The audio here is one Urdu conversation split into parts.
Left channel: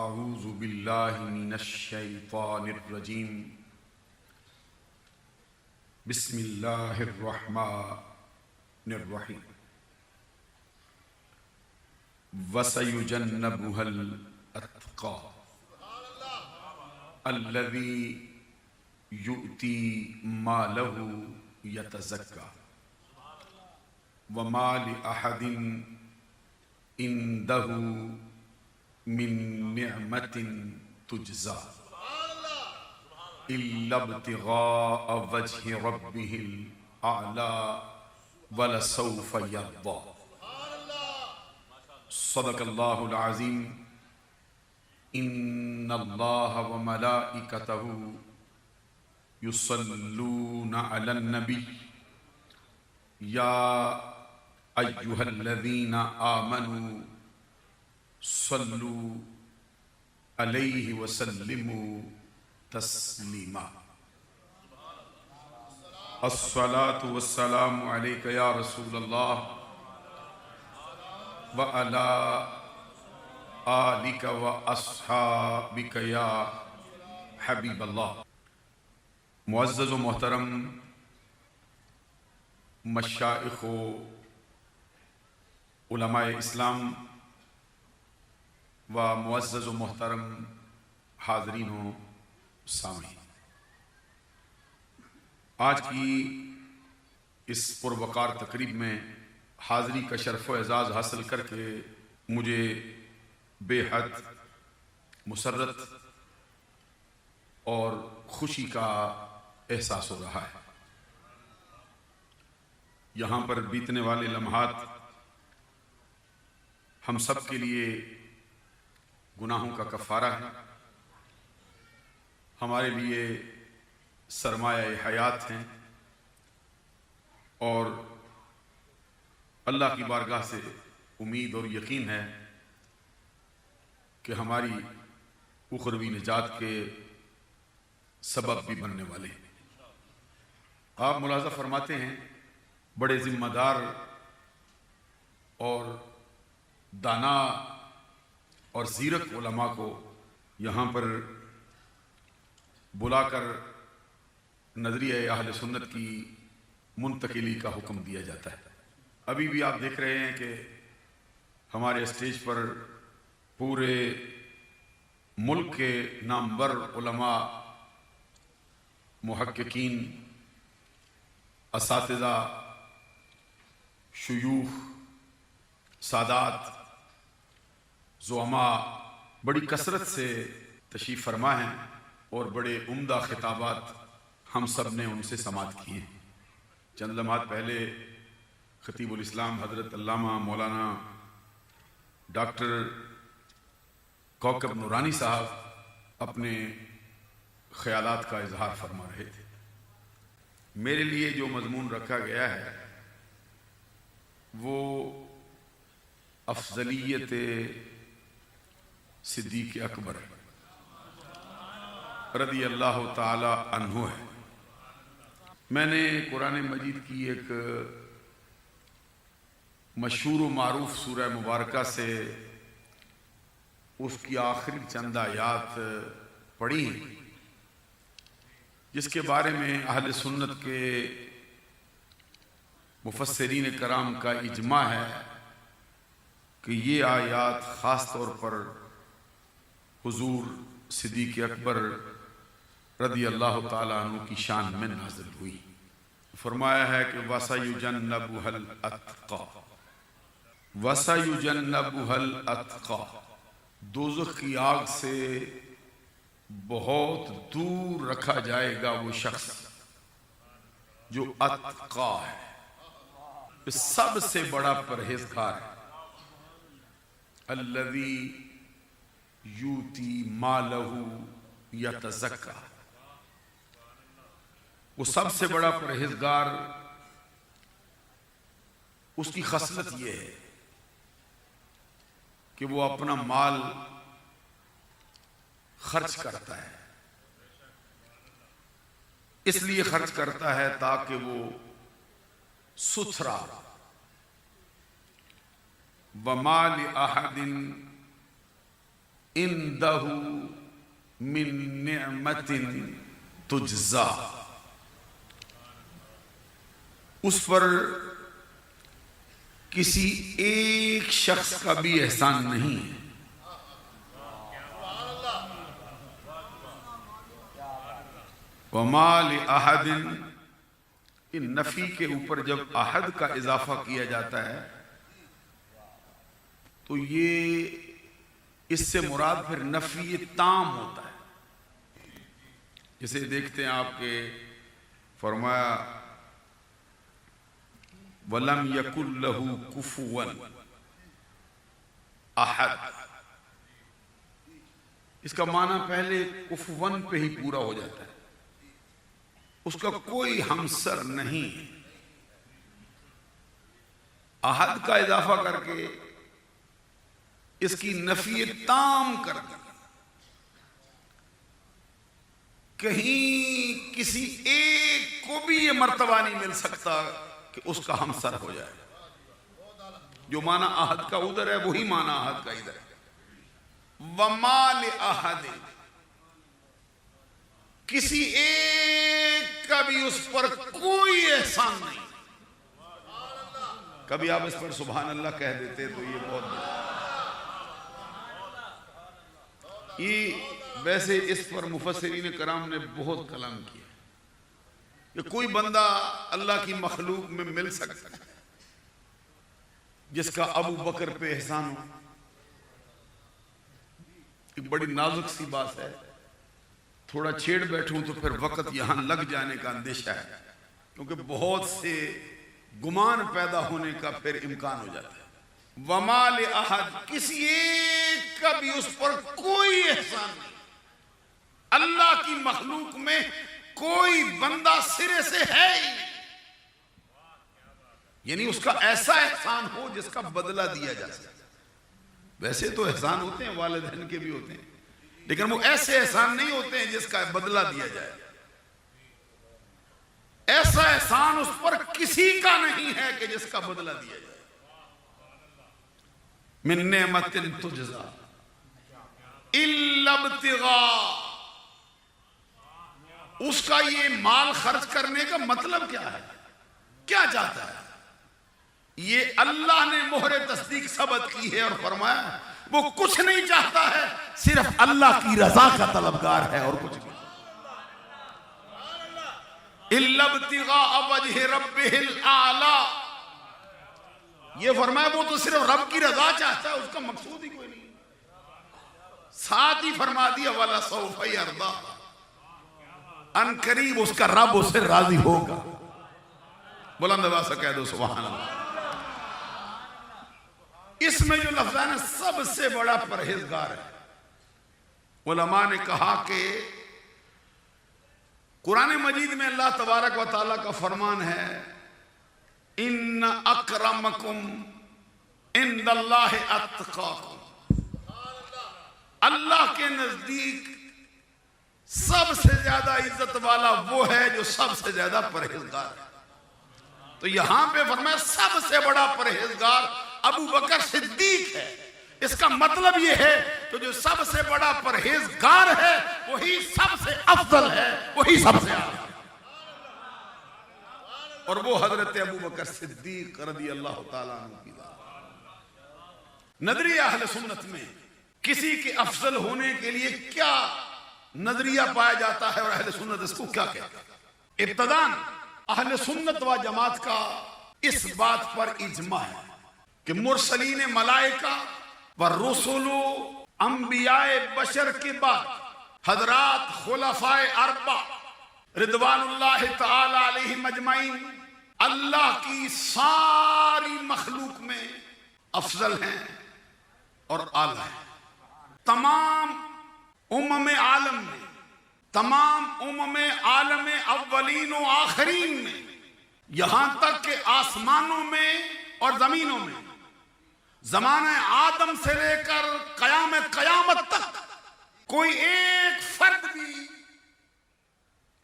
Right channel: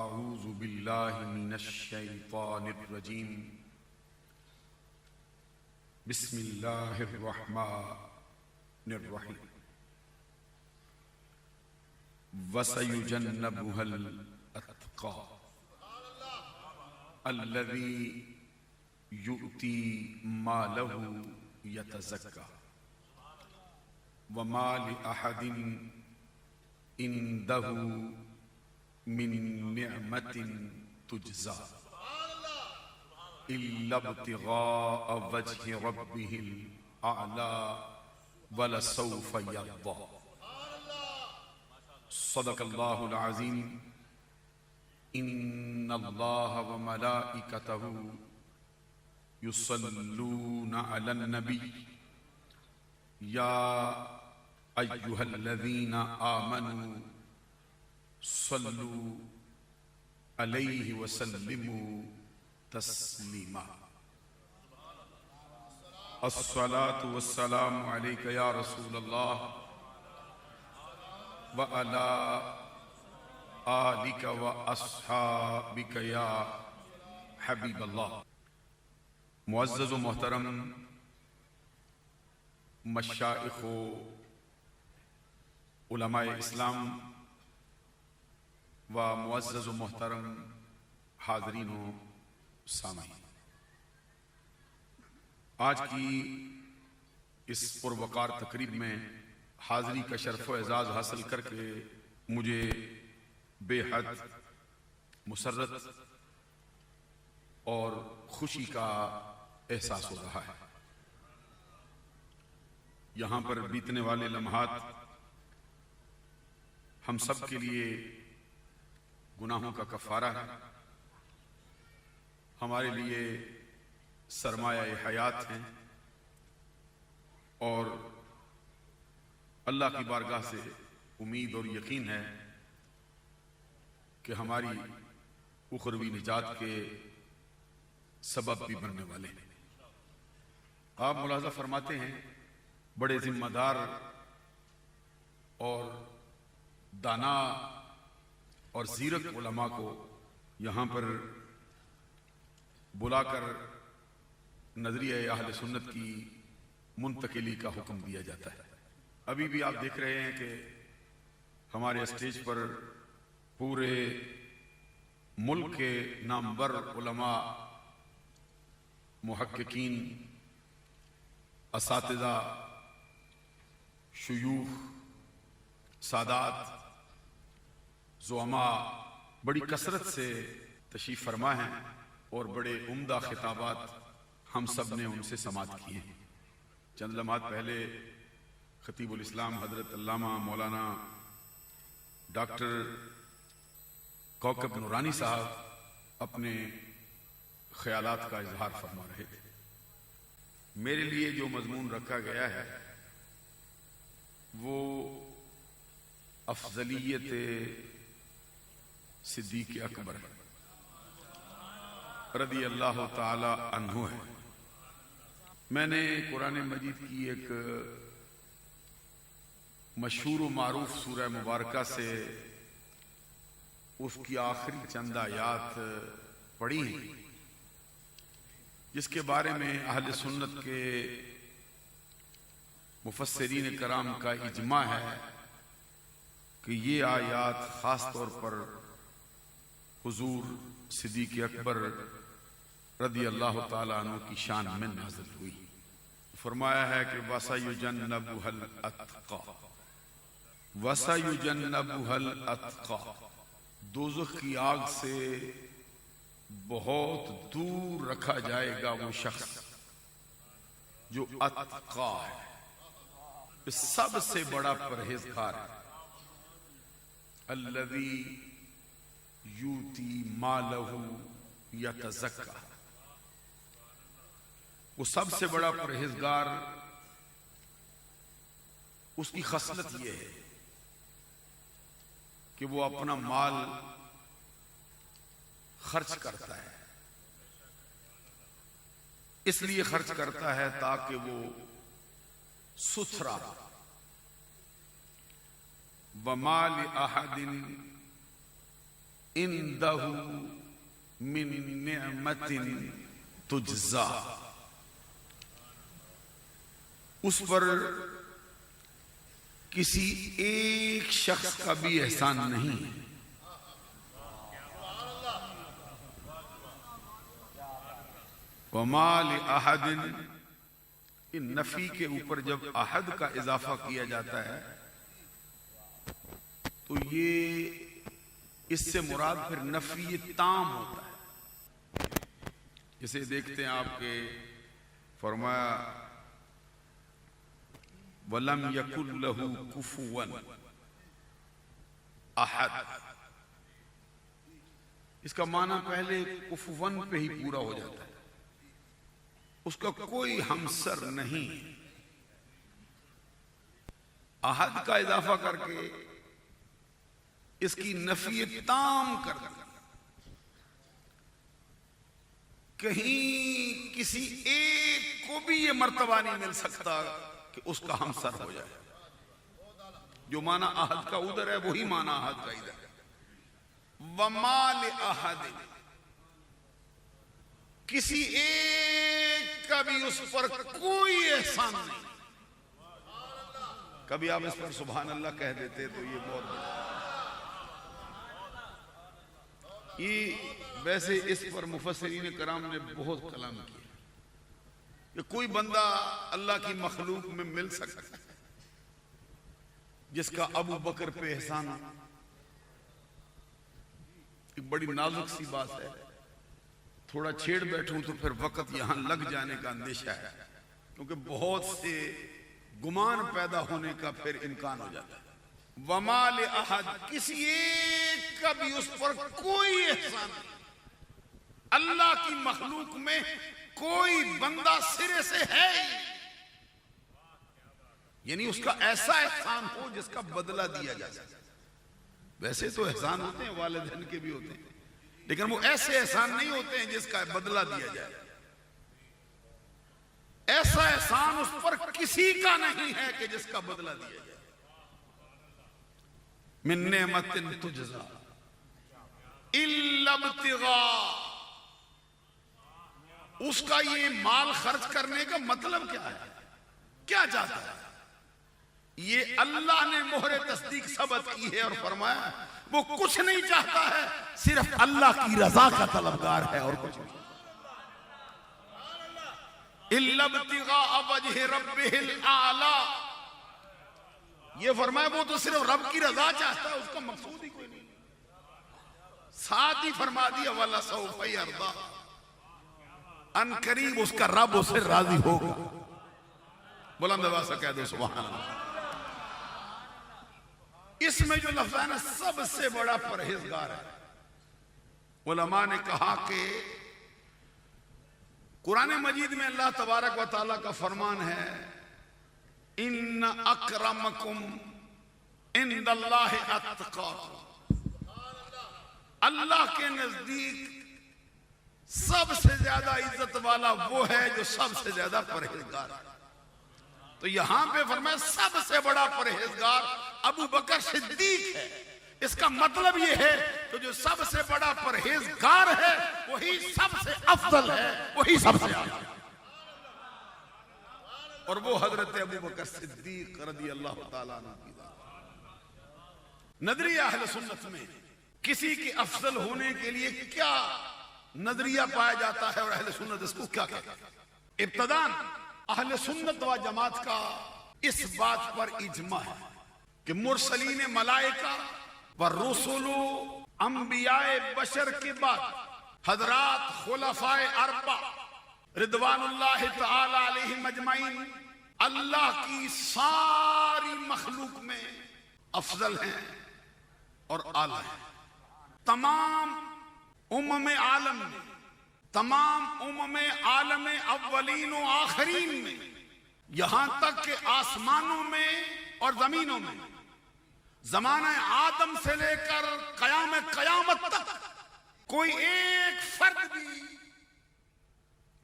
اعوذ باللہ من الشیطان الرجیم بسم اللہ الرحمن الرحیم وَسَيُجَنَّبُهَا الْأَتْقَى الَّذِي يُؤْتِي مَالَهُ يَتَزَكَّى وَمَا لِأَحَدٍ عِندَهُ من نعمة تجزى إلا ابتغاء وجه ربه الأعلى ولسوف يرضى صدق الله العظيم إن الله وملائكته يصلون على النبي يا أيها الذين آمنوا صلوا علیہ وسلموا تسلیما الصلاة والسلام علیک یا رسول اللہ وعلی آلک واصحابک یا حبیب اللہ۔ معزز و محترم مشائخ و علماء اسلام و معزز و محترم حاضرین و سامعین، آج کی اس پروقار تقریب میں حاضری کا شرف و اعزاز حاصل کر کے مجھے بے حد مسرت اور خوشی کا احساس ہو رہا ہے۔ یہاں پر بیتنے والے لمحات ہم سب کے لیے گناہوں کا کفارہ ہے، ہمارے لیے سرمایہ حیات ہیں، اور اللہ کی بارگاہ سے امید اور یقین ہے کہ ہماری اخروی نجات کے سبب بھی بننے والے ہیں۔ آپ ملاحظہ فرماتے ہیں بڑے ذمہ دار اور دانا اور زیرک علماء کو یہاں پر بلا کر نظریہ اہل سنت کی منتقلی کا حکم دیا جاتا ہے۔ ابھی بھی آپ دیکھ رہے ہیں کہ ہمارے اسٹیج پر پورے ملک کے نامور علماء، محققین، اساتذہ، شیوخ، سادات، زعماء بڑی کثرت سے تشریف فرما ہیں، اور بڑے عمدہ خطابات ہم سب نے ان سے سماعت کی ہیں۔ چند لمحات پہلے خطیب الاسلام حضرت علامہ مولانا ڈاکٹر کوکب نورانی صاحب اپنے خیالات کا اظہار فرما رہے تھے۔ میرے لیے جو مضمون رکھا گیا ہے وہ افضلیت صدیق اکبر رضی اللہ تعالی عنہ ہے۔ میں نے قرآن مجید کی ایک مشہور و معروف سورہ مبارکہ سے اس کی آخری چند آیات پڑھی ہیں، جس کے بارے میں اہل سنت کے مفسرین کرام کا اجماع ہے کہ یہ آیات خاص طور پر حضور صدیق اکبر رضی اللہ تعالیٰ عنہ کی شان میں نازل ہوئی۔ فرمایا ہے کہ وَسَيُجَنَّبُهَا الْأَتْقَى، وَسَيُجَنَّبُهَا الْأَتْقَى، دوزخ کی آگ سے بہت دور رکھا جائے گا وہ شخص جو اتقا ہے، سب سے بڑا پرہیزگار ہے۔ الذی یوتی مالہ یتزکا، وہ سب سے بڑا پرہیزگار، اس کی خصلت یہ ہے کہ وہ اپنا مال خرچ کرتا ہے، اس لیے خرچ کرتا ہے تاکہ وہ ستھرا ہو۔ وَمَا لِأَحَدٍ اندہ من نعمت تجزا، اس پر کسی ایک شخص کا بھی احسان نہیں ہے۔ وَمَا لِأَحَدٍ، ان نفی کے اوپر جب احد کا اضافہ کیا جاتا ہے تو یہ اس سے مراد پھر نفی تام ہوتا ہے۔ جسے دیکھتے ہیں آپ کے فرمایا وَلَمْ يَكُنْ لَهُ كُفُوًا احد، اس کا معنی پہلے کفون پہ ہی پورا ہو جاتا ہے، اس کا کوئی ہمسر نہیں۔ احد کا اضافہ کر کے اس کی نفی تام کر دی، کہیں کسی ایک کو بھی یہ مرتبہ نہیں مل سکتا کہ اس کا ہمسر ہو جائے۔ جو معنی احد کا ادھر ہے وہی معنی احد کا ادھر ہے۔ وَمَا لِأَحَدٍ، کسی ایک کا بھی اس پر کوئی احسان نہیں۔ کبھی آپ اس پر سبحان اللہ کہہ دیتے تو یہ بہت بڑا۔ یہ ویسے اس پر مفسرین کرام نے بہت کلام کیا کہ کوئی بندہ اللہ کی مخلوق میں مل سکتا ہے جس کا ابو بکر پہ احسان ہو۔ ایک بڑی نازک سی بات ہے، تھوڑا چھیڑ بیٹھوں تو پھر وقت یہاں لگ جانے کا اندیشہ ہے، کیونکہ بہت سے گمان پیدا ہونے کا پھر امکان ہو جاتا ہے۔ وَمَا لِأَحَدٍ، کسی ایک کا بھی اس پر کوئی احسان نہیں۔ اللہ کی مخلوق میں کوئی بندہ سرے سے ہے ہی نہیں، یعنی اس کا ایسا احسان ہو جس کا بدلہ دیا جا سکے۔ ویسے تو احسان ہوتے ہیں، والدین کے بھی ہوتے ہیں، لیکن وہ ایسے احسان نہیں ہوتے ہیں جس کا بدلہ دیا جائے۔ ایسا احسان اس پر کسی کا نہیں ہے کہ جس کا بدلہ دیا جائے۔ من نعمت تجزا الا ابتغاء، اس کا یہ مال خرچ کرنے کا مطلب کیا ہے، کیا چاہتا ہے؟ یہ اللہ نے مہر تصدیق ثبت کی ہے اور فرمایا وہ کچھ نہیں چاہتا ہے، صرف اللہ کی رضا کا طلبگار ہے اور کچھ نہیں۔ الا ابتغاء وجہ ربہ الاعلی، یہ فرمایا وہ تو صرف رب کی رضا چاہتا ہے، اس کا مقصود ہی کوئی نہیں۔ ساتھ ہی فرما دیا وَلَسَوْفَ يَرْضَىٰ، ان قریب اس کا رب اسے راضی ہوگا۔ بلند آواز سے کہہ دو سبحان اللہ۔ اس میں جو لفظ ہے نا، سب سے بڑا پرہیزگار ہے۔ علماء نے کہا کہ قرآن مجید میں اللہ تبارک و تعالیٰ کا فرمان ہے ان اکرمکم عند اللہ اتقاکم، اللہ کے نزدیک سب سے زیادہ عزت والا وہ ہے جو سب سے زیادہ پرہیزگار ہے۔ تو یہاں پہ فرمایا سب سے بڑا پرہیزگار ابو بکر صدیق ہے۔ اس کا مطلب یہ ہے کہ جو سب سے بڑا پرہیزگار ہے وہی سب سے افضل ہے، وہی سب سے اعلیٰ ہے، اور وہ حضرت ابو بکر صدیق رضی اللہ تعالیٰ عنہ کی ذات۔ نظریہ اہل سنت میں کسی کے افضل ہونے کے لیے کیا نظریہ پایا جاتا ہے اور اہل سنت اس کو کیا کہتے ہیں؟ ابتداً اہل سنت و جماعت کا اس بات پر اجماع ہے کہ مرسلین ملائکہ و رسول انبیاء بشر کے بعد حضرات خلفاء اربعہ رضوان اللہ تعالی علیہم اجمعین اللہ کی ساری مخلوق میں افضل ہیں اور اعلیٰ ہیں۔ تمام عالم میں، تمام عالم اولین و آخرین میں، یہاں تک کہ آسمانوں میں اور زمینوں میں، زمانہ آدم سے لے کر قیامت تک کوئی ایک فرد بھی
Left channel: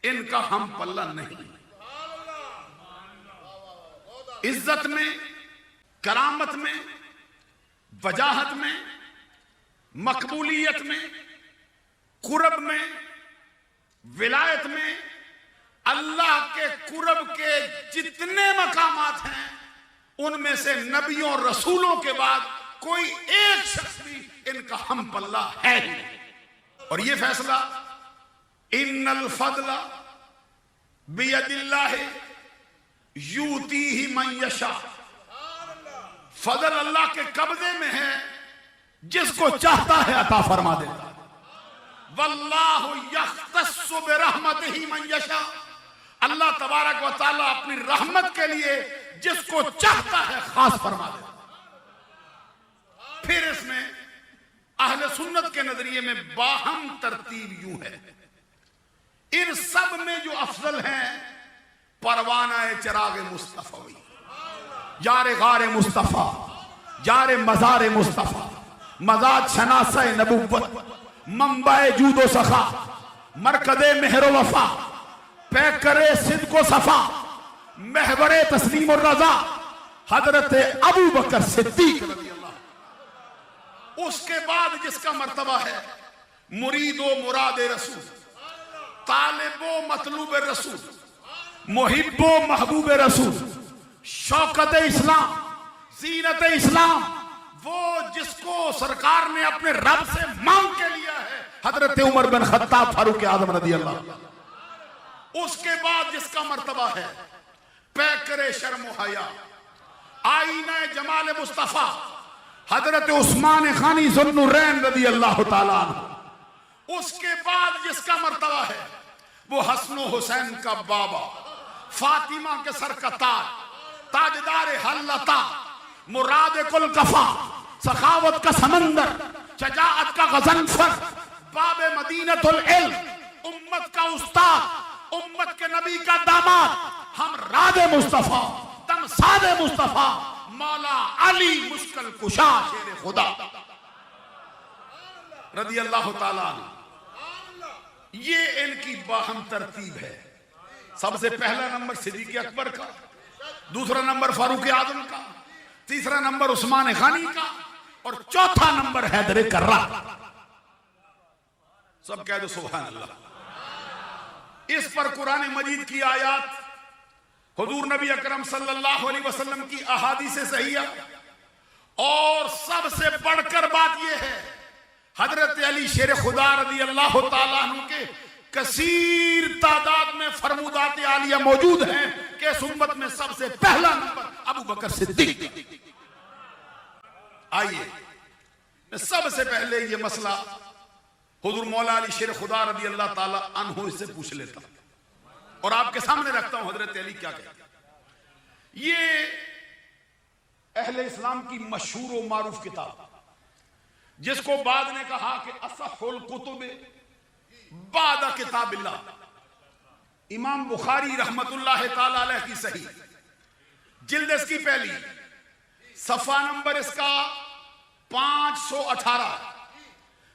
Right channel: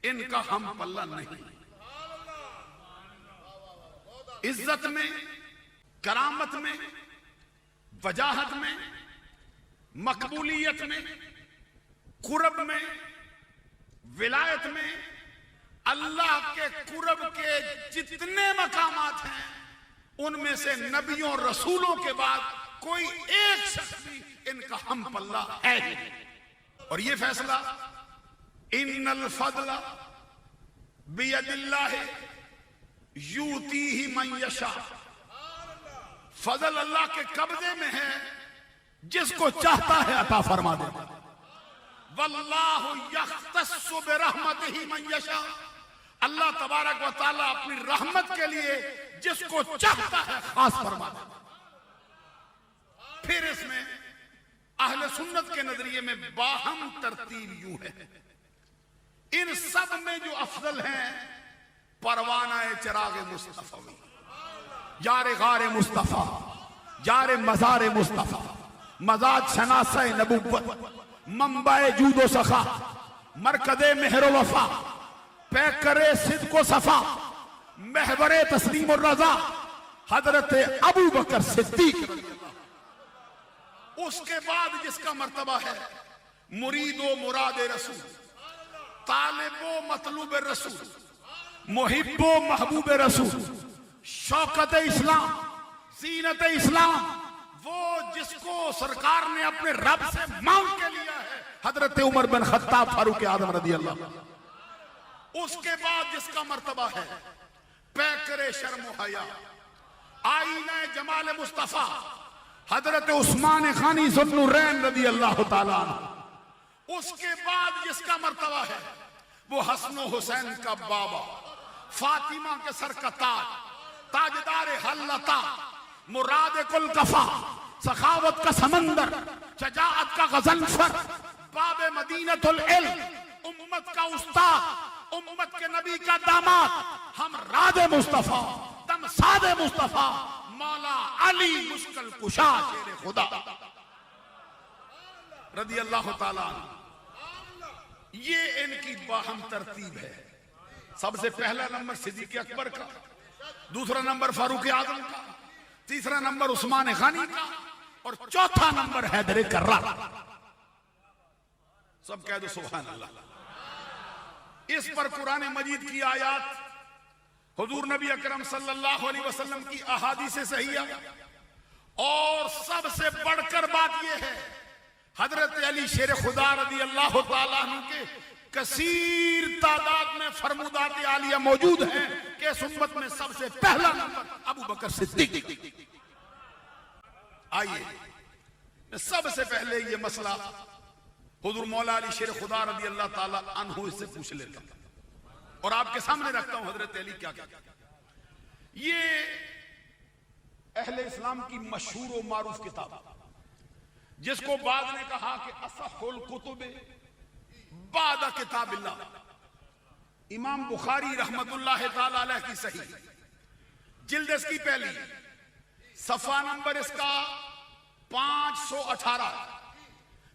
ان کا ہم پلہ نہیں۔ عزت میں، کرامت میں، وجاہت میں، مقبولیت میں، قرب میں، ولایت میں، اللہ کے قرب کے جتنے مقامات ہیں ان میں سے نبیوں اور رسولوں کے بعد کوئی ایک شخص بھی ان کا ہم پلہ ہے. اور یہ فیصلہ ان الفضل بید اللہ یؤتیہ من یشاء، فضل اللہ کے قبضے میں ہے، جس کو چاہتا ہے عطا فرما دیتا. واللہ یختص برحمتہ من یشاء، اللہ تبارک و تعالی اپنی رحمت کے لیے جس کو چاہتا ہے خاص فرما دیتا. پھر اس میں اہل سنت کے نظریے میں باہم ترتیب یوں ہے، ان سب میں جو افضل ہیں پروانہ چراغ مصطفی، یار غار مصطفیٰ، یار مزار مصطفیٰ، مزاد شناسہ نبوت، منبع جود و سخا، مرکز مہر و وفا، پیکر صدق و صفا، محور تسلیم الرضا، حضرت ابو بکر صدیق رضی اللہ. اس کے بعد جس کا مرتبہ ہے مرید و مراد رسول، طالب و مطلوب رسول، محب و محبوب رسول، شوکت اسلام، زینت اسلام، وہ جس کو سرکار نے اپنے رب سے مانگ کے لیا ہے حضرت عمر بن خطاب فاروق اعظم رضی اللہ. اس کے بعد جس کا مرتبہ ہے پیکر شرم و حیا، آئینہ جمال مصطفیٰ، حضرت عثمان غنی ذو النورین رضی اللہ تعالیٰ عنہ. اس کے بعد جس کا مرتبہ ہے وہ حسن و حسین کا بابا، فاطمہ کے سر کا تاج، تاجدار حلتا، مراد کل کفا، سخاوت کا سمندر، شجاعت کا غضنفر، باب مدینۃ العلم، امت کا استاد، امت کے نبی کا داماد، ہم راد مصطفیٰ، دمساد مصطفیٰ، مولا علی مشکل کشا شیر خدا رضی اللہ تعالیٰ عنہ. یہ ان کی باہم ترتیب ہے. سب سے پہلا نمبر صدیق اکبر کا، دوسرا نمبر فاروق اعظم کا، تیسرا نمبر عثمان غنی کا، اور چوتھا نمبر حیدر کرہ. سب کہہ دو سبحان اللہ. اس پر قرآن مجید کی آیات، حضور نبی اکرم صلی اللہ علیہ وسلم کی احادیث صحیحہ، اور سب سے بڑھ کر بات یہ ہے حضرت علی شیر خدا رضی اللہ تعالیٰ عنہ کے کثیر تعداد میں فرمودات عالیہ موجود ہیں کہ اس امت میں سب سے پہلا نمبر ابو بکر صدیق. آئیے میں سب سے پہلے یہ مسئلہ حضور مولا علی شیر خدا رضی اللہ تعالیٰ عنہ سے پوچھ لیتا ہوں اور آپ کے سامنے رکھتا ہوں حضرت علی کیا کہتے ہیں. یہ اہل اسلام کی مشہور و معروف کتاب، جس کو بعد نے کہا کہ اصح الکتب بعد کتاب اللہ، امام بخاری رحمت اللہ تعالی علیہ کی صحیح، جلد اس کی پہلی، صفحہ نمبر اس کا 518.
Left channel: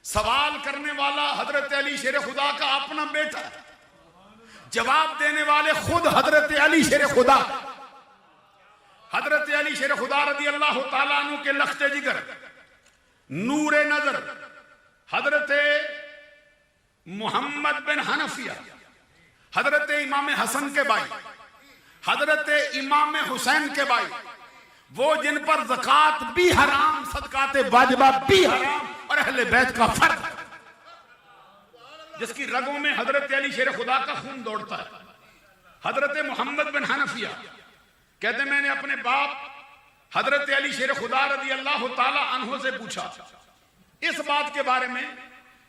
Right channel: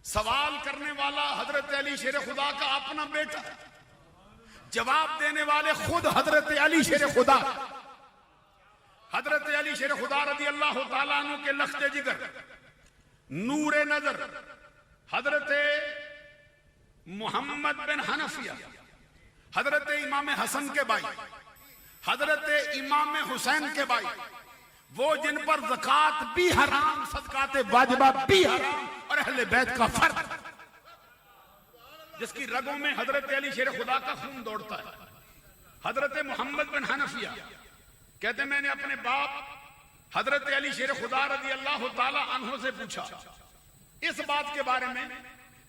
سوال کرنے والا حضرت علی شیر خدا کا اپنا بیٹا ہے، جواب دینے والے خود حضرت علی شیر خدا. حضرت علی شیر خدا رضی اللہ تعالیٰ عنہ کے لخت جگر، نور نظر، حضرت محمد بن حنفیہ، حضرت امام حسن کے بھائی، حضرت امام حسین کے بھائی، وہ جن پر زکوٰۃ بھی حرام، صدقات واجبات بھی حرام، اور اہل بیت کا فرق، جس کی رگوں میں حضرت علی شیر خدا کا خون دوڑتا ہے. حضرت محمد بن حنفیہ کہتے میں نے اپنے باپ حضرت علی شیر خدا رضی اللہ تعالی عنہ سے پوچھا اس بات کے بارے میں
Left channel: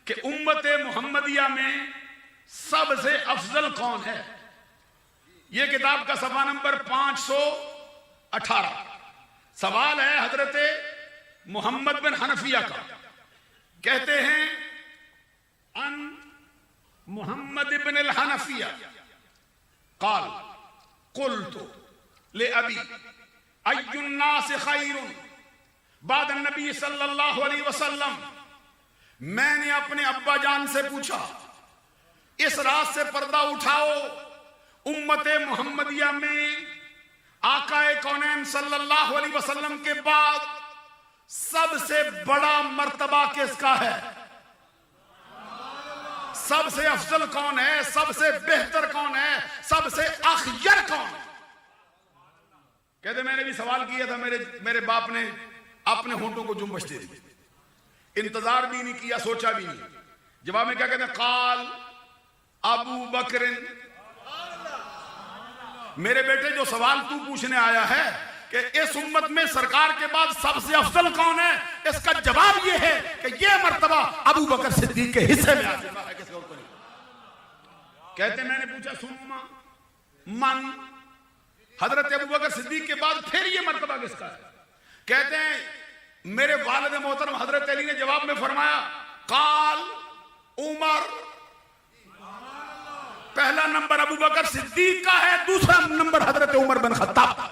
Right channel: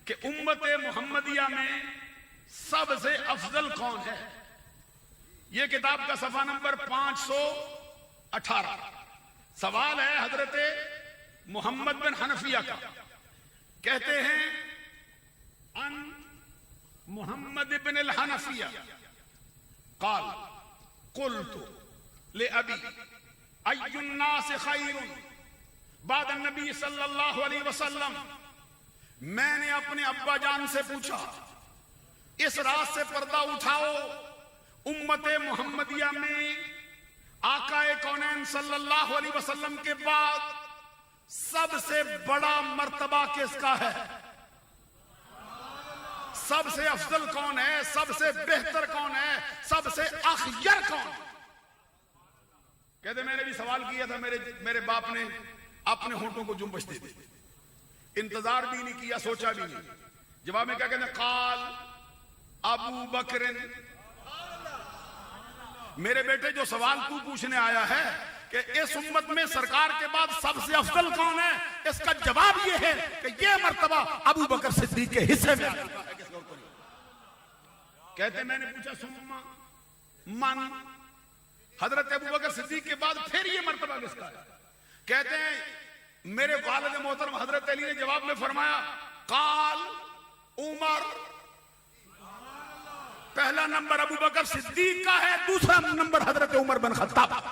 کہ امت محمدیہ میں سب سے افضل کون ہے. یہ کتاب کا صفحہ نمبر 518. سوال ہے حضرت محمد بن حنفیہ کا، کہتے ہیں ان محمد بن الحنفیہ قال قلت لأبی ای الناس خیر بعد النبی صلی اللہ علیہ وسلم. میں نے اپنے ابا جان سے پوچھا اس رات سے پردہ اٹھاؤ، امت محمدیہ میں آقا کونین صلی اللہ علیہ وسلم کے بعد سب سے بڑا مرتبہ کس کا ہے؟ سب سے افضل کون ہے؟ سب سے بہتر کون ہے؟ سب سے اخیر کون؟ کہتے میں نے بھی سوال کیا تھا، میرے باپ نے اپنے ہونٹوں کو جنبش دے دی، انتظار بھی نہیں کیا، سوچا بھی نہیں، جواب میں کیا کہتے؟ قال ابو بکر، میرے بیٹے جو سوال تو پوچھنے آیا ہے کہ اس امت میں سرکار کے بعد سب سے افضل کون ہے، اس کا جواب یہ ہے کہ یہ مرتبہ ابو بکر صدیق کے حصے میں آ چکا ہے، کس اور کو نہیں۔ کہتے میں نے پوچھا سما من، حضرت ابو بکر صدیق کے بعد پھر یہ مرتبہ کس کا ہے؟ کہتے ہیں میرے والد محترم حضرت علی نے جواب میں فرمایا قال عمر، پہلا نمبر ابو بکر صدیق کا ہے، دوسرا نمبر حضرت عمر بن خطاب۔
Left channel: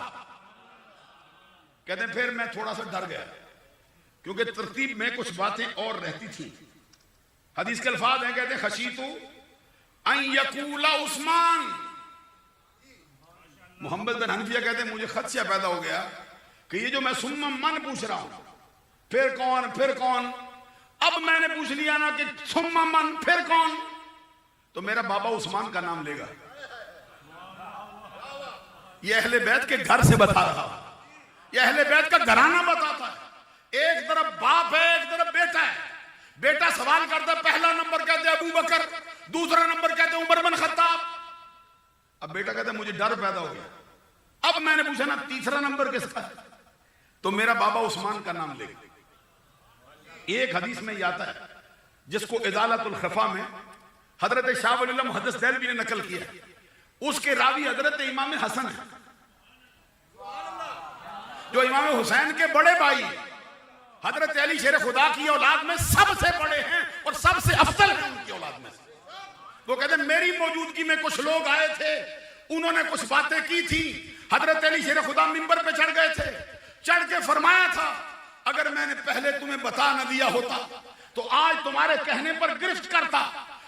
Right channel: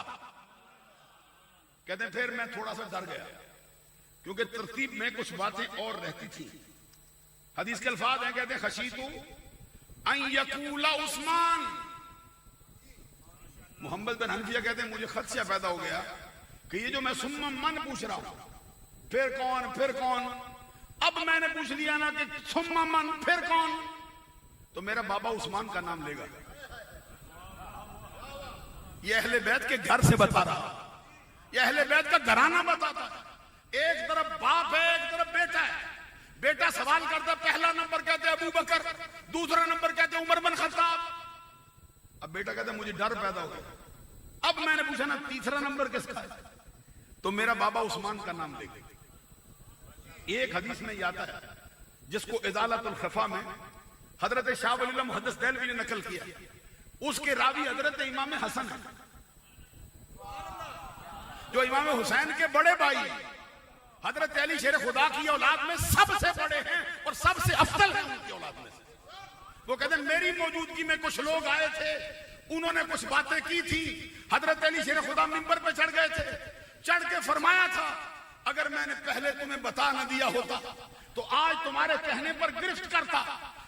کہتے ہیں پھر میں تھوڑا سا ڈر گیا، کیونکہ ترتیب میں کچھ باتیں اور رہتی تھی۔ حدیث کے الفاظ ہیں، کہتے ہیں خشیت ان یقول عثمان، محمد بن حنفیہ کہتے ہیں مجھے خدشہ پیدا ہو گیا کہ یہ جو میں ثم من پوچھ رہا ہوں، پھر کون پھر کون، اب میں نے پوچھ لیا نا کہ ثم من پھر کون، تو میرا بابا عثمان کا نام لے گا۔ یہ اہل بیت کے گھر سے بتا رہا، یہ اہل بیت کا گھرانہ بتاتا ہے، ایک طرف باپ ہے ایک طرف بیٹا ہے، بیٹا سوال کرتا پہلا نمبر کہتے ابو بکر، دوسرا نمبر کہتے عمر بن خطاب۔ اب بیٹا کہتا ہے مجھے ڈر پیدا ہو گیا، اب میں نے پوچھا نا تیسرا نمبر کس کا ہے، تو میرا بابا عثمان کا نام لے گا۔ ایک حدیث میں یہ آتا ہے جس کو ازالۃ الخفا میں حضرت شاہ ولی اللہ محدث دہلوی نے نقل کیا، اس کے راوی حضرت امام حسن ہے، جو امام حسین کے بڑے بھائی، حضرت علی شیر خدا کی اولاد میں سب سے بڑے ہیں اور سب سے افضل ہیں ان کی اولاد میں سے۔ وہ کہتے ہیں میری موجودگی میں کچھ لوگ آئے تھے، انہوں نے کچھ باتیں کی تھی، حضرت علی شیر خدا منبر پہ چڑھ گئے تھے، چڑھ کے فرمایا تھا اگر میں نے پہلے تمہیں بتا نہ دیا ہوتا تو آج تمہارے کہنے پر گرفت کرتا،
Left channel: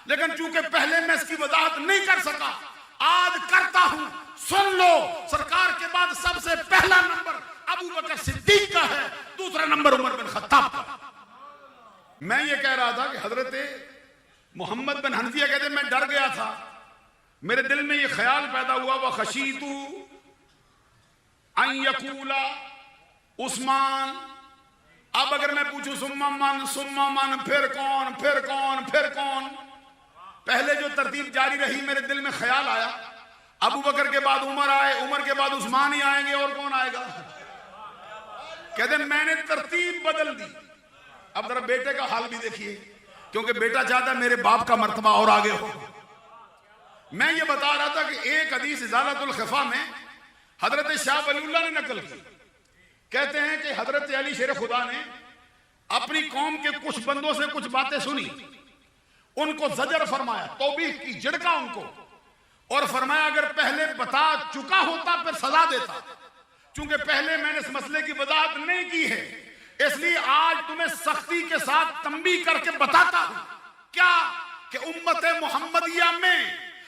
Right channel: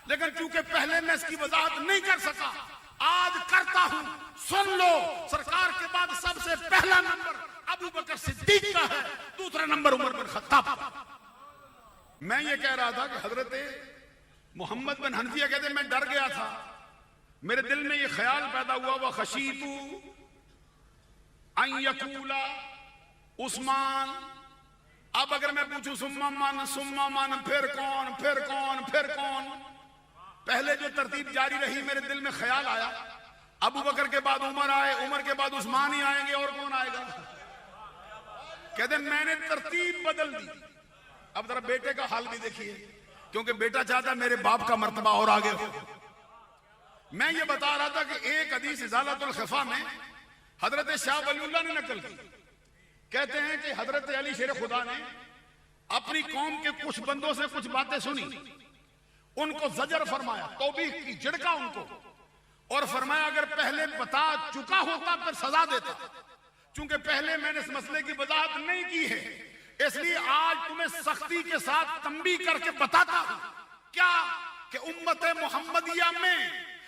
لیکن چونکہ پہلے میں اس کی وضاحت نہیں کر سکا، آج کرتا ہوں، سن لو، سرکار کے بعد سب سے پہلا نمبر ابو بکر صدیق کا ہے، دوسرا نمبر عمر بن خطاب کا۔ میں یہ کہہ رہا تھا کہ حضرت محمد بن حنفیہ کہتے ہیں میں ڈر گیا تھا، میرے دل میں یہ خیال پیدا ہوا وَخَشِیتُ ان یقول عثمان، اب اگر میں پوچھوں ثم من پھر کون پھر کون پھر کون، پہلے جو ترتیب جاری رہی میرے دل میں خیال آیا ابو بکر کے بعد عمر آئے، عمر کے بعد عثمان ہی آئیں گے، اور کون آئے گا؟ کہتے ہیں میں نے ترتیب بدل دی۔ اب ذرا بیٹے کا حال بھی دیکھیے، کیونکہ بیٹا چاہتا ہے میرے باپ کا مرتبہ اور آگے ہو۔ میں یہ بتا رہا تھا کہ ایک حدیث ازالۃ الخفا میں حضرت شاہ ولی اللہ نے نقل کی، کہتے ہیں کہ حضرت علی شیر خدا نے اپنی قوم کے کچھ بندوں سے کچھ باتیں سنی، ان کو زجر فرمایا، توبیخ کی، جھڑکا ان کو، اور فرمایا اگر پہلے بتا چکا ہوتا پھر سزا دیتا، چونکہ پہلے میں نے اس مسئلے کی وضاحت نہیں کی ہے، اس لیے آج تمہیں سختی کے ساتھ تنبیہ کر کے بتاتا ہوں کیا کہ امت محمدیہ میں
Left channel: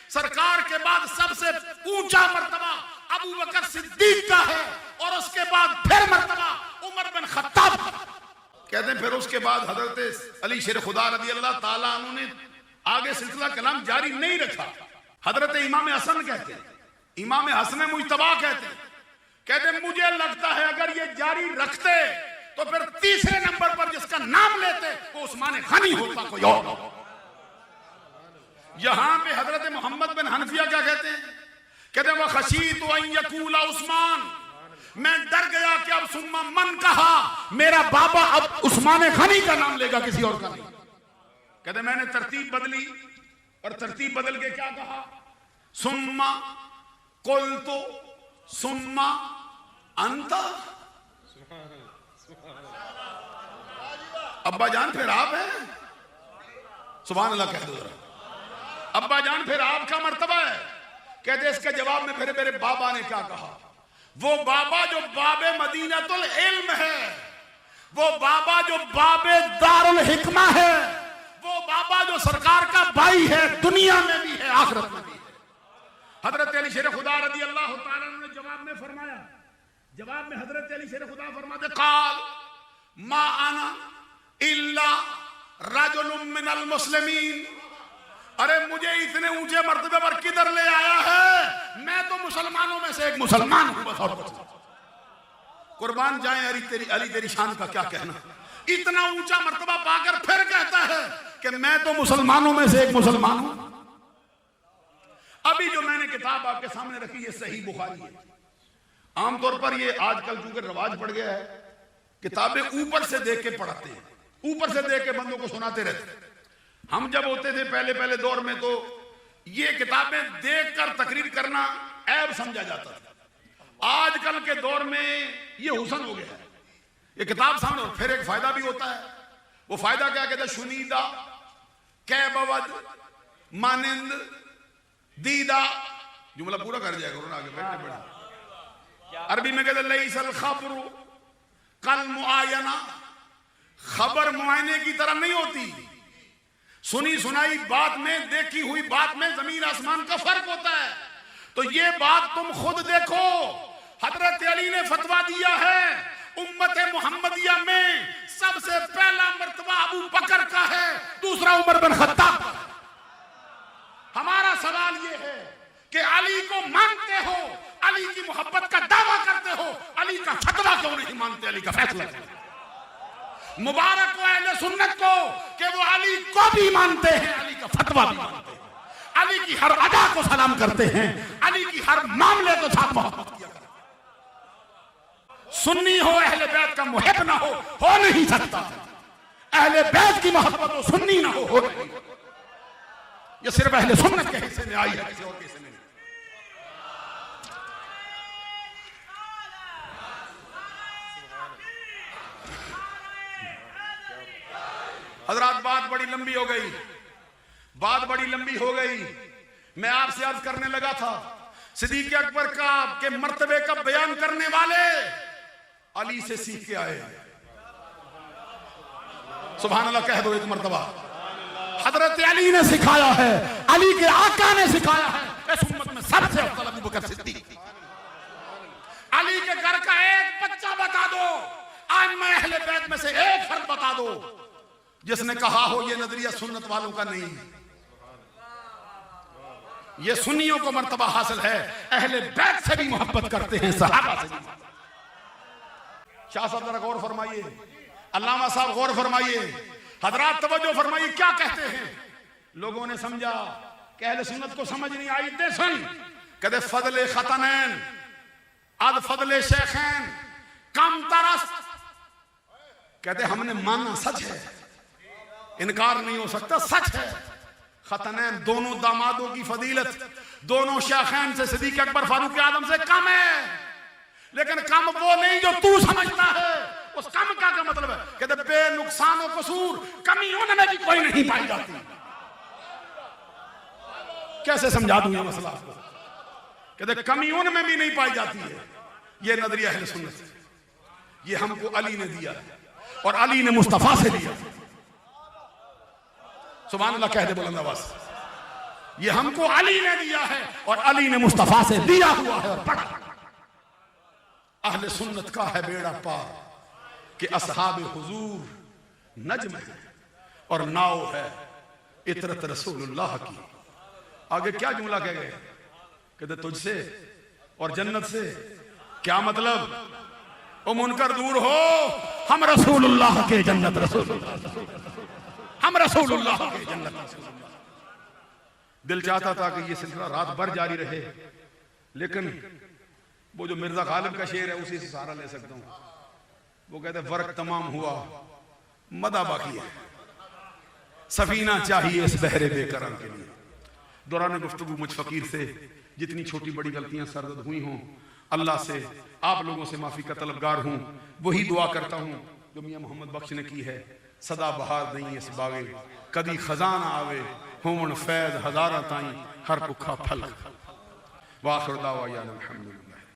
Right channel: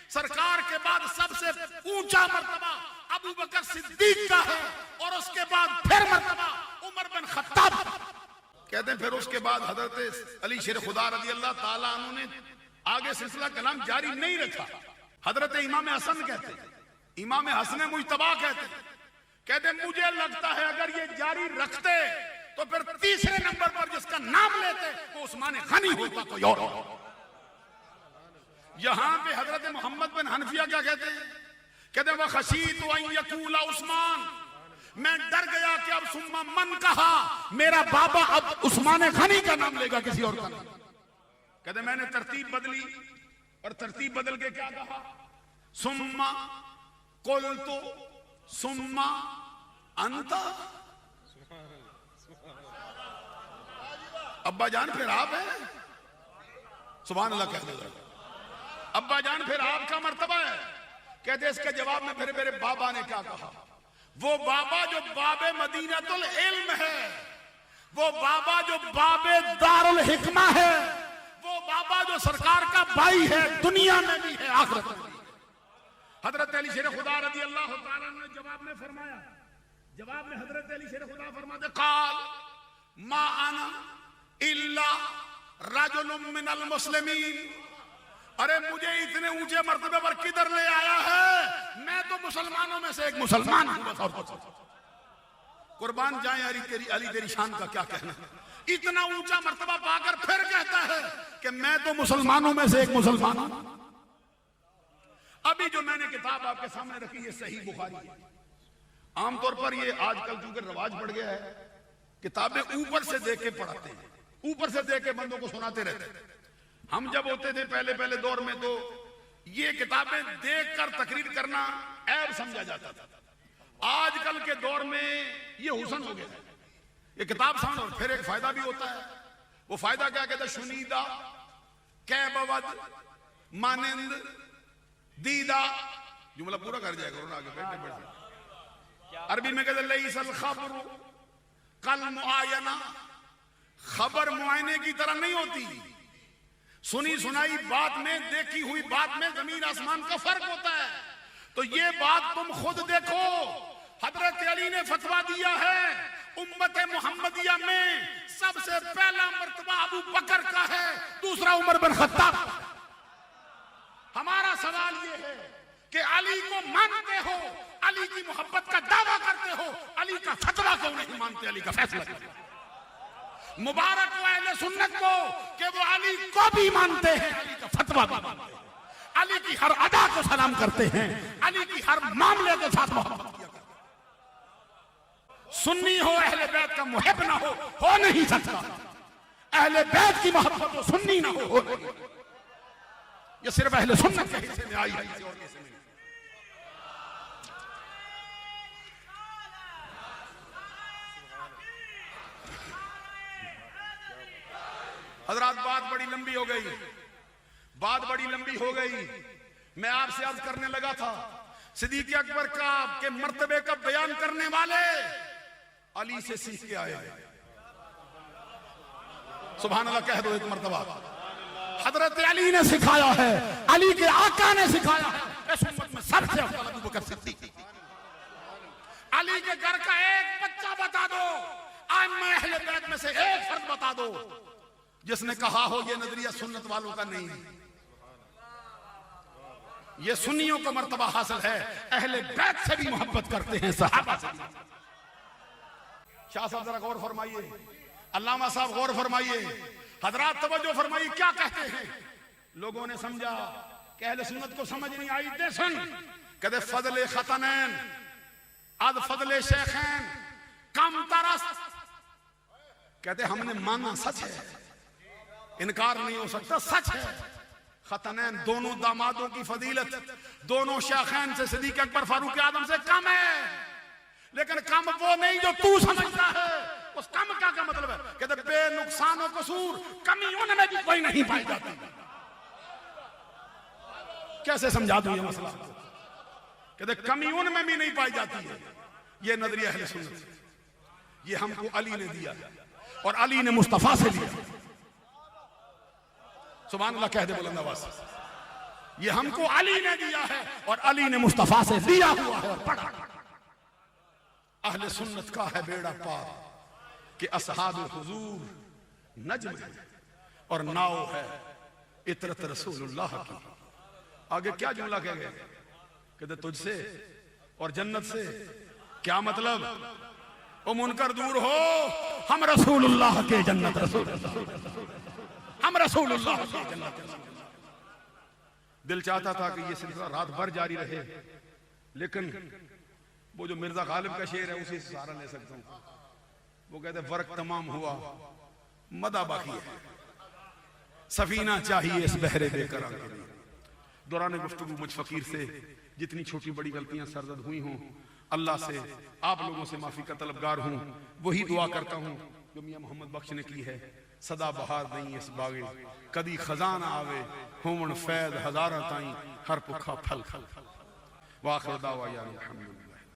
سرکار کے بعد سب سے اونچا مرتبہ ابو بکر صدیق کا ہے، اور اس کے بعد پھر مرتبہ عمر بن خطاب۔ کہتے ہیں پھر اس کے بعد حضرت علی شیر خدا رضی اللہ تعالیٰ عنہ نے آگے سلسلہ کلام جاری نہیں رکھا۔ حضرت امام حسن کہتے ہیں، امام حسن مجتبی کہتے ہیں مجھے لگتا ہے اگر یہ جاری رکھتے تو پھر تیسرے نمبر پر جس کا نام لیتے وہ عثمان غنی ہوتا، کوئی اور۔ یہاں پہ حضرت محمد بن حنفیہ کیا کہتے ہیں؟ کہتے ہیں وَخَشِیتُ أَن يَقُولَ عثمان، میں ڈر گیا کہ اب ثم من کہا میرا بابا اب عثمان غنی کا نام لے گا، کسی اور کا نہیں۔ کہتے ہیں میں نے ترتیب بدلی، اور ترتیب بدل کے کیا کہا؟ ثم قلت ثم انت، ابا جان پھر آپ ہیں، سبحان اللہ کہہ دو ذرا، ابا جان پھر آپ کا مرتبہ ہے۔ کہتے ہیں اس کے جواب میں میرے بابا نے کیا کہا؟ وہ بابا جو باب مدینۃ العلم ہے، وہ بابا جو باب دار الحکمہ ہے، وہ بابا جو سرکار کا بھائی ہے، دنیا میں بھی ہے آخرت میں بھی ہے۔ حضرت علی شیر خدا رضی اللہ تعالیٰ نے جواب میں فرمایا، جواب میں حضرت علی شیر خدا فرماتے قال ما انا الا رجل من المسلمین، ارے مجھے اتنے اونچے مرتبے پر کدھر لے آیا ہے؟ میں تو مسلمانوں میں سے ایک مسلمان ہوں بس، اور کچھ نہیں۔ قربان جائیں علی تیری شان کا کیا کہنا، اتنا اونچا مرتبہ پا کر پھر کہتا ہے کہ میں تو مسلمانوں میں سے ایک مسلمان ہوں۔ ابھی جو میں نے کتاب آپ کے سامنے رکھی ہے صحیح بخاری ہے۔ عام طور پر یہ آج کل چونکہ رواج پڑ گیا ہے، کتابیں اوپر سے دیکھ کے پڑھاتے ہیں، اوپر سے دیکھ کے بندوں کو سناتے رہتے ہیں۔ ہم جب ہوتے تھے پہلے دور میں تو یہ کتابیں دیکھ کر تقریر کرنا عیب سمجھا جاتا تھا۔ آج کل کے دور میں یہ حسن ہو گیا ہے، یہ کتاب سامنے پھر ایک فائدہ بھی ہوتا ہے۔ وہ فائدہ کیا کہتے ہیں؟ شنیدہ کہ بود مانند دیدہ، جملہ پورا کر جائے گا آگے بیٹھنے پڑا۔ عربی میں کہتے ہیں لیس الخبر کالمعاینہ، خبر معائنے کی طرح نہیں ہوتی، سنی سنائی بات میں، دیکھی ہوئی بات میں زمین آسمان کا فرق ہوتا ہے۔ تو یہ بات تم خود دیکھو، حضرت علی نے فتویٰ دیا ہے امت محمدیہ میں سب سے پہلا مرتبہ ابو بکر کا ہے، دوسرا عمر بن خطاب کا ہے۔ ہمارا سوال یہ ہے کہ علی کو مانتے ہو، علی کی محبت کا دعویٰ کرتے ہو، علی کا فتویٰ کیوں نہیں مانتے، علی کا فیصلہ کرتے؟ مبارک ہو اہل سنت کو کہ وہ علی کو بھی مانتے ہیں، علی کا فتویٰ بھی مانتے ہیں، علی کی ہر ادا کو سلام کرتے ہیں، علی کی ہر معاملے کے ساتھ محبت کیا کرتے ہیں۔ سنی ہو اہل بیت کا محب نہ ہو نہیں سکتا، اہل بیت کی محبت ہو سنی نہ ہو نہیں۔ یہ صرف اہل سنت کے حصے میں آئی ہے، کسی اور کے حصے میں نہیں۔ حضرات بات بڑی لمبی ہو گئی، میں آپ سے عرض کرنے لگا تھا صدیق اکبر کا کے مرتبے کا بیان کرنے والے علی سے سیکھ کے آئے۔ سبحان اللہ کہہ دو ایک مرتبہ۔ حضرت علی نے سکھایا ہے، علی کے آقا نے سکھایا ہے، اس امت میں سب سے افضل ابو بکر صدیق۔ علی کے گھر کا ایک بچہ بتا دو، ائمہ اہل بیت میں سے ایک فرد بتا دو جس نے کہا ہو یہ نظریہ سنت والوں کا نہیں، یہ سنیوں کو مرتبہ حاصل ہے، اہل بیت سے بھی محبت کرتے ہیں، صحابہ سے بھی۔ شاہ صاحب ذرا غور فرمائیے، علامہ صاحب غور فرمائیے، حضرات توجہ فرمائیے کیا کہتے ہیں۔ لوگوں نے سمجھا کہ اہل سنت کو سمجھ نہیں آئی، دے سن کہتے فضل ختنین اد فضل شیخین کم ترس، کہتے ہم نے مانا سچ ہے، انکار نہیں ہو سکتا، سچ ہے۔ ختنین دونوں دامادوں کی فضیلت دونوں شیخین سے صدیق اکبر فاروق اعظم سے کم ہے، لیکن کم وہ نہیں جو تو سمجھتا ہے۔ اس کم کا کیا مطلب ہے؟ کہتے بے نقصان و قصور کمی ان میں بھی کوئی نہیں پائی جاتی۔ کیسے سمجھا دوں یہ مسئلہ؟ کہتے کمی ان میں بھی نہیں پائی جاتی ہے۔ یہ نظریہ اہل سنت ہے، یہ ہم کو علی نے دیا اور علی نے مصطفیٰ سے دیا۔ سبحان اللہ کہہ دے بلند آواز سے، یہ ہم کو علی نے دیا ہے اور علی نے مصطفیٰ سے دیا ہوا ہے اور پڑھا۔ اہل سنت کا ہے بیڑا پار کہ اصحاب حضور نجم ہے اور ناؤ ہے اطرت رسول اللہ کی۔ آگے کیا جملہ کہہ گئے؟ کہتے تجھ سے اور جنت سے کیا مطلب؟ او منکر دور ہو، ہم رسول اللہ کے جنت، رسول اللہ، ہم رسول اللہ کے جنت، رسول اللہ۔ دل چاہتا تھا کہ یہ سلسلہ رات بھر جاری رہے، لیکن وہ جو مرزا غالب کا شعر ہے اسی سے سہارا لے سکتا ہوں۔ وہ کہتے ہیں ورق تمام ہوا مدہ باقی ہے، سفینہ چاہیے اس بحر بے قرار کے لیے۔ دوران گفتگو مجھ فقیر سے جتنی چھوٹی بڑی غلطیاں سرزد ہوئی ہوں، اللہ سے آپ لوگوں سے معافی کا طلبگار ہوں۔ وہی دعا کرتا ہوں جو میاں محمد بخش نے کی ہے، صدا بہار نہیں اس باغے کدی خزان آوے، ہومن فیض ہزاراں تائیں ہر پکھا پھل۔ واخر دعوانا الحمدللہ۔